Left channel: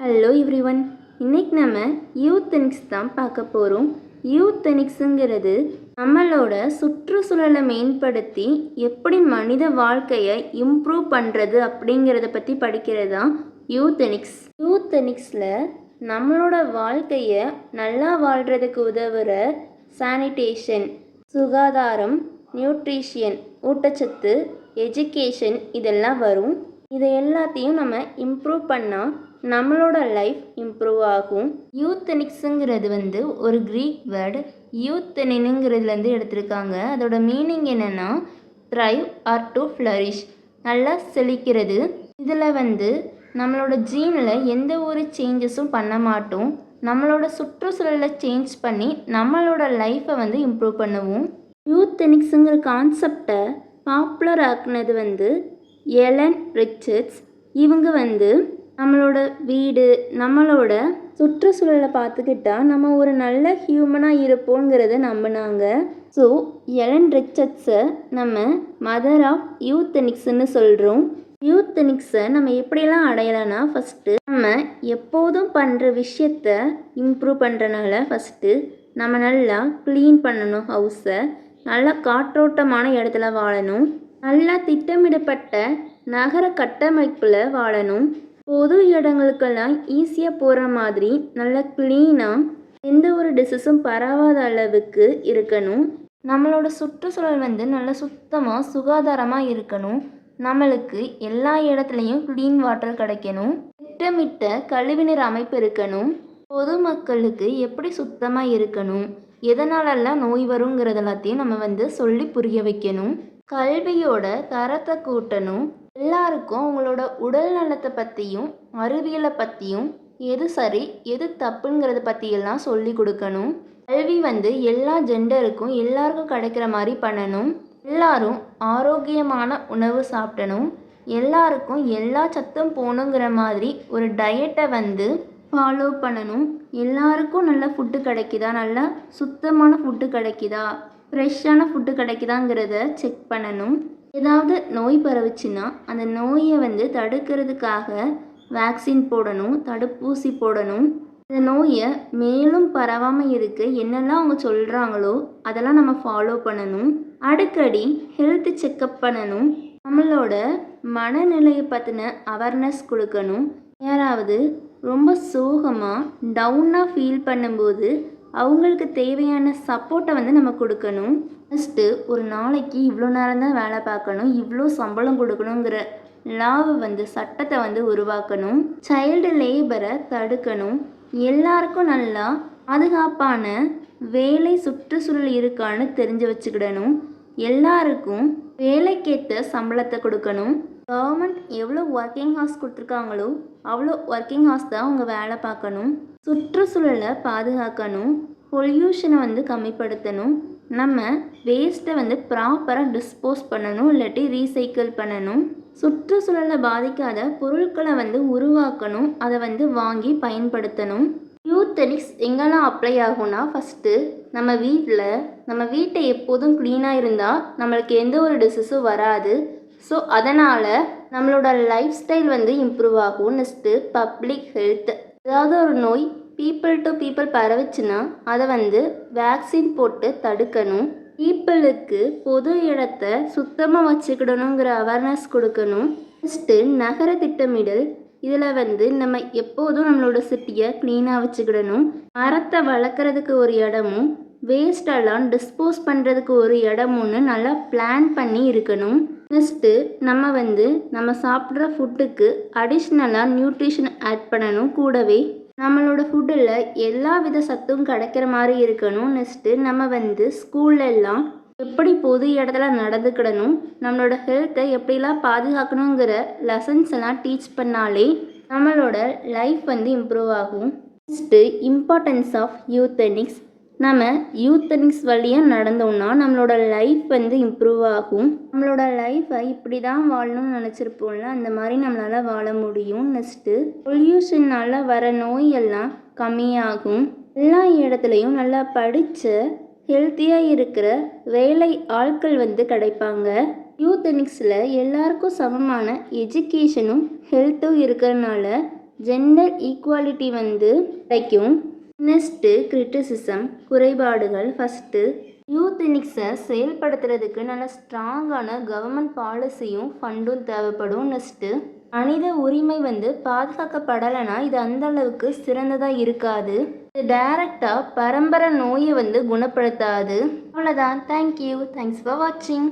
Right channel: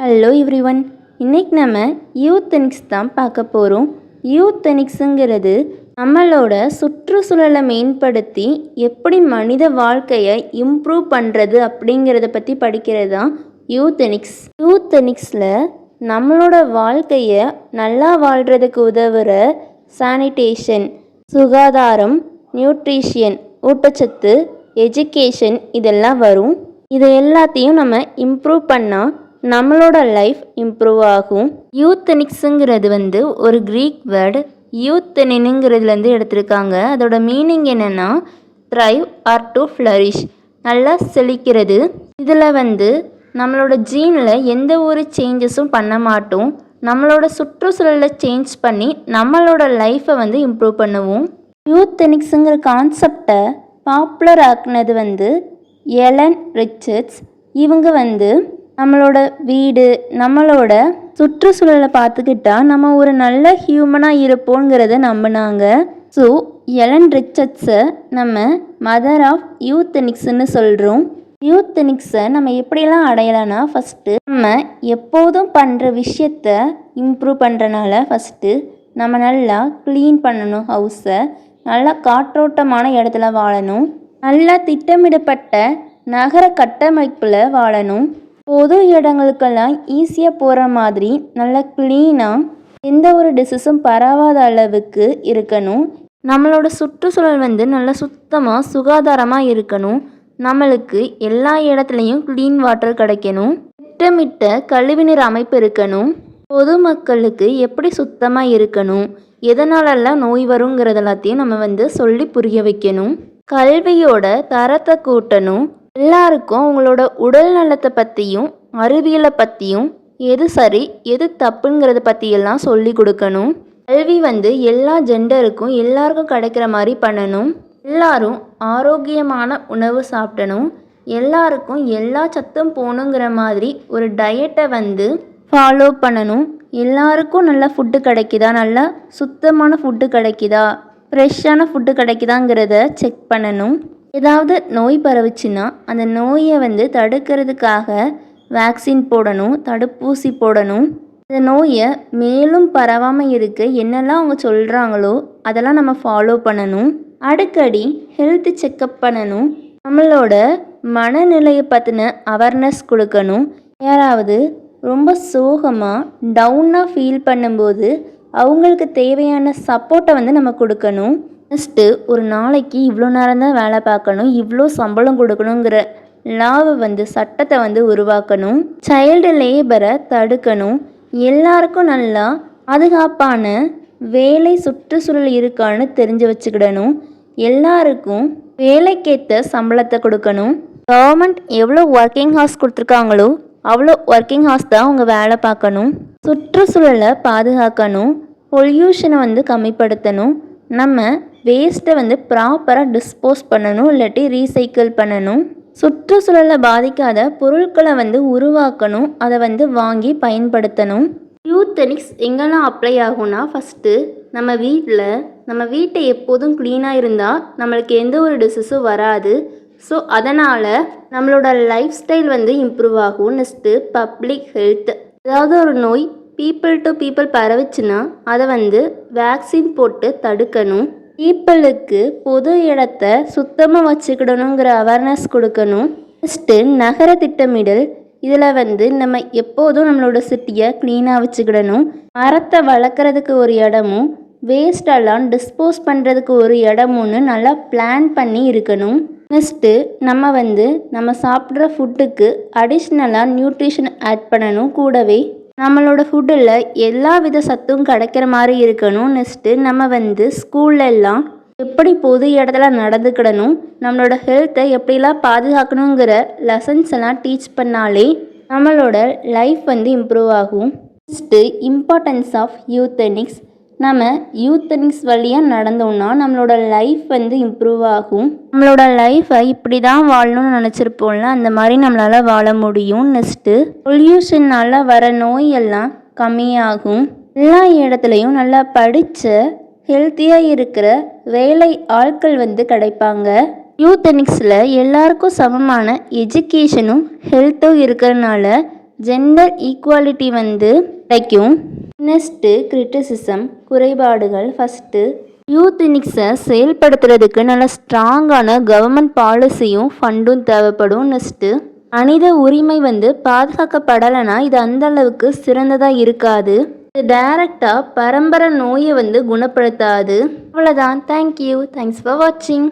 Hello everyone. இன்னைக்கு நம்ம யூத்தனிக்ஸ் தான் பார்க்க போகிறோம். யூத்தனிக்ஸுங்கிறது நம்மளோட சுற்றுச்சூழலை மேம்படுத்தி எப்படி மனித வாழ்க்கையை இம்ப்ரூவ் பண்ணுறது அப்படிங்கிறத பற்றி படிக்கிறது தான் யூத்தனிக்ஸ். யூத்தனிக்ஸில் நம்மளோட வாழ்க்கையை நல்லா வாழ்கிறதுக்கு உதவுற சானிடேஷன், சுகாதாரம், நியூட்ரிஷியன், ஊட்டச்சத்து, எஜுகேஷன் இதெல்லாம் வரும். இதை எல்லாத்தையும் நம்ம இம்ப்ரூவ் பண்ணால் நம்மளோட லைஃப் இம்ப்ரூவ் ஆகும். யூத்தனிக்ஸுங்கிறது ஒரு க்ரீக் வேர்டு யூத்தனினுங்கிறதுலேருந்து எடுத்திருக்காங்க. அதோட மீனிங் என்னென்னா த்ரைவ் ஆர் டு ஃப்ளரிஷ், நல்லா செழிக்கிறது. இதில் நம்மளோட ஜீனில் எந்த ஒரு சேஞ்சஸும் பண்ண மாட்டோம். நம்மளோட சுற்றுச்சூழலை சேஞ்ச் பண்ணி நம்மளோட லைஃப்பை இம்ப்ரூவ் பண்ணுவோம். யூத்தனிக்ஸுங்கிற கான்செப்டை பாப்புலர் ஆக்குனது எலன் ரிச்சர்ட்ஸ். இவங்க நம்மளோட வீடு, நம்மளோட சுற்றுச்சூழலை பார்த்துக்கிட்டா நம்ம ஒரு நல்ல ஹியூமனாக இருப்போங்கிறத நம்பினாங்க. ஸோ எலன் ரிச்சர்ட்ஸை நம்ம மதர் ஆஃப் யூத்தனிக்ஸ்ன்னு சொல்கிறோம். யூத்தனிக்ஸை நம்ம எப்படிலாம் அடையலாம்னா, ஃபஸ்ட்டு நம்ம எப்போதும் பண்ணுற விஷயத்த இம்ப்ரூவ் பண்ணுறனால ஃபஸ்ட்டு நம்ம நல்லா க்ளீன் பண்ணணும். ஹவுஸை நல்லா காற்றோட்டமான இடத்துல வாழணும். நல்லா திட்டமிடப்பட்ட நகர கட்டமைப்பில் வாழணும். பொது இடங்களுக்கெல்லாம் ஈஸியாக போகிற மாதிரி நல்லா க்ளீனாக எந்த ஒரு டிசீஸும் பரவாத அளவுக்கு இருக்கணும். நம்மளோட சுற்றுச்சூழல் நல்லா சுத்தமாக சுகாதாரமாக இருக்கணும். நம்மளுக்கு எல்லா இடத்துலையும் க்ளீன் வாட்டர் கிடைக்கணும். திட்டமிட்ட கழிவுநீர் அமைப்பு இருக்கணும். பொதுமக்களுக்கு எப்படி சுத்தமாக இருக்கணும், எதனாலெல்லாம் நோய் வருங்கிறது எல்லாத்தையும் நம்ம சொல்லி புரிய வைக்கணும். கல்வியோட தரத்தை கூட்டணும். எல்லாருக்கும் உங்களோட உடல் நலத்தை பற்றியும் அறிவியலை பற்றியும் எது சரி எது தப்புங்கிறத பற்றியெல்லாம் சொல்லி கொடுக்கணும். கல்வி எல்லா ஜெண்டருக்கும் எல்லாருக்கும் கிடைக்கிற மாதிரி பண்ணணும். எல்லாரும் ஆரோக்கியமான உணவு சாப்பிடணும். எல்லாருக்கும் எல்லா சத்தும் போகணுங்கிற மாதிரி ஒரு டயட்டை ஃபாலோ பண்ணணும். எல்லாருக்கும் நல்ல ஃபுட்டு கிடைக்குதா, நல்லா சுத்தமான ஃபுட்டு கிடைக்குதா, ஃப்ரெஷ்ஷான ஃபுட்டு கிடைக்குதாங்கிறத செக் பண்ணணும். ஏதாவது நோய் பரவுச்சுன்னா அந்த நோயை தடுக்கிறதுக்காக வேக்சின் போடணும், தடுப்பூசி போடணும். இந்த நோயை மேலும் பரவாமல் இருக்க என்னெல்லாம் அவங்க சொல்கிறாங்களோ அதெல்லாம் நம்ம ஃபாலோ பண்ணணும். அடிக்கடி ஹெல்த் செக்கப் பண்ணணும். நம்மளோட மனநிலையை பற்றின அவேர்னஸ் கொடுக்கணும். யாராவது ரொம்ப சோகமாக டவுனாக ஃபீல் பண்ணும்போது அவங்களுக்கு தேவையான சப்போர்ட்டை நம்ம கொடுக்கணும். ஃபஸ்ட்டு ஒரு நாளைக்கு இவ்வளோ நேரம் தான் வேலை பார்க்கணும், இவ்வளோ சம்பளம் கொடுக்கணுங்கிற லாவை சட்டத்தை உருவாக்கணும். சைல்டு லேபரை தடுக்கணும். எல்லாருக்கும் நல்லா பாதுகாப்பான வேலை சுற்றுச்சூழல் இருக்கான்னு தெரிஞ்சு வச்சுக்கிடணும். எல்லாருக்கும் வேலைக்கேற்ற சம்பளத்தை கொடுக்கணும். கவர்மெண்ட் எவ்வளோ ஒர்க்கிங் ஹார்ஸ் கொடுத்துருக்காங்களோ அவ்வளோ ஒர்க்கிங் ஹார்ஸ் தான் அவங்க வேலை பார்க்கணும். சுற்றுச்சூழலை பாதுகாக்கணும். பொல்யூஷனை கம்மிப்படுத்தணும். நம்ம வேஸ்ட்டை ப்ராப்பராக டிஸ்போஸ் பண்ணணும், இல்லாட்டி ரீசைக்கிள் பண்ணணும். சுற்றுச்சூழலை பாதிக்காத பொருட்களை உருவாக்கணும், அதை வாங்கி பயன்படுத்தணும். யூத்தனிக்ஸ் எங்கெல்லாம் அப்ளை ஆகும்னா, ஃபஸ்ட்டு நம்ம வீட்டை எப்போதும் க்ளீனாக இருந்தால் நம்மளுக்கு எந்த ஒரு டிசீஸும் வராது. ஸோ அதனால் நம்மளோட லைஃப் ஸ்டைல் இம்ப்ரூவ் ஆகும். நெக்ஸ்ட்டு பப்ளிக் ஹெல்த், ஏதாவது ஒரு நோய் பீப்புள் டு பீப்புள் பரவுச்சுன்னா அதை வேக்சின் போட்டு தடுக்கணும். பீப்புளுக்கு பொது இடத்த சுத்தமாக வச்சுக்கிடணுங்கிற அவேர்னஸ் கொடுக்கணும். நெக்ஸ்ட்டு நகர திட்டமிடல், இதில் நம்ம எப்போதும் நம்மளோட சிட்டியை க்ளீனாக வச்சுக்கிடணும். மரத்தை வளர்க்குறதுக்கு ஒரு இடமும் வேஸ்டெல்லாம் டிஸ்போஸ் பண்ணுறதுக்கு ஒரு இடமுன்னு நல்லா பிளான் பண்ணி இருக்கணும். நெக்ஸ்ட்டு நம்ம சாப்பிட்ற ஃபுட்டுக்கு அடிஷ்னலாக நியூட்ரிஷன் ஆட் பண்ணணும். கூடவே நம்மளோட ஃபுட்டில் எல்லா வித சத்தும் கிடைக்கிற மாதிரி இருக்கணும். நெக்ஸ்ட்டு நம்ம ஸ்கூல்லெல்லாம் எப்படி பொது இடத்துல நடந்துக்கிடணும், நம்மளோட ஹெல்த்தை எப்படிலாம் பாதுகாக்கணுங்கிற லெசன்ஸ் எல்லாம் டீச் பண்ணாலே நம்மளோட லைஃப் இம்ப்ரூவ் ஆகும். Next importance of euthenics. நம்ம யூத்தனிக்ஸ் வழியாக நடந்தோம்னா நம்மளோட லைஃப் இம்ப்ரூவ் ஆகும். நம்மளோட லைஃப்பை இப்படி தான் வாழணும்னு நினச்சிருப்போம்ல, அந்த மாதிரி நம்மளால் வாழ முடியும். நெக்ஸ்ட்டு பொல்யூஷனால் வர நோயெல்லாம் கம்மியாகும். எல்லா இடத்துலையும் நல்லா படித்த ஹெல்த்தியாக இருக்கிற வேலை ஆட்கள் கிடைப்பாங்க. யூத்தனிக்ஸில் எல்லாருக்கும் சமமான எஜுகேஷனும் ஹெல்த்தும் இருக்கிறதுனால ஜெண்டர் ஈக்குவாலிட்டி வந்து கிடைக்கும். நெக்ஸ்ட்டு கிரிட்டிசிசம் குறைபாடுகள். ஃபஸ்ட்டு யூத்தனிக்ஸை செயல்படுத்துறதுக்கு நல்ல ஸ்ட்ராங்கான கவர்மெண்ட் பாலிசியும் ஃபண்டும் தேவைப்படும். நெக்ஸ்ட்டு மனித உரிமை வந்து பாதுகாக்கப்படலைன்னா இது அந்த அளவுக்கு சிறந்ததாக இருக்காது. இது டைரக்டாக பரம்பரை நோயை வந்து குணப்படுத்தாது. அவ்வளோதான். தேங்க்யூ. தேங்க்ஸ் ஃபார் வாட்சிங்.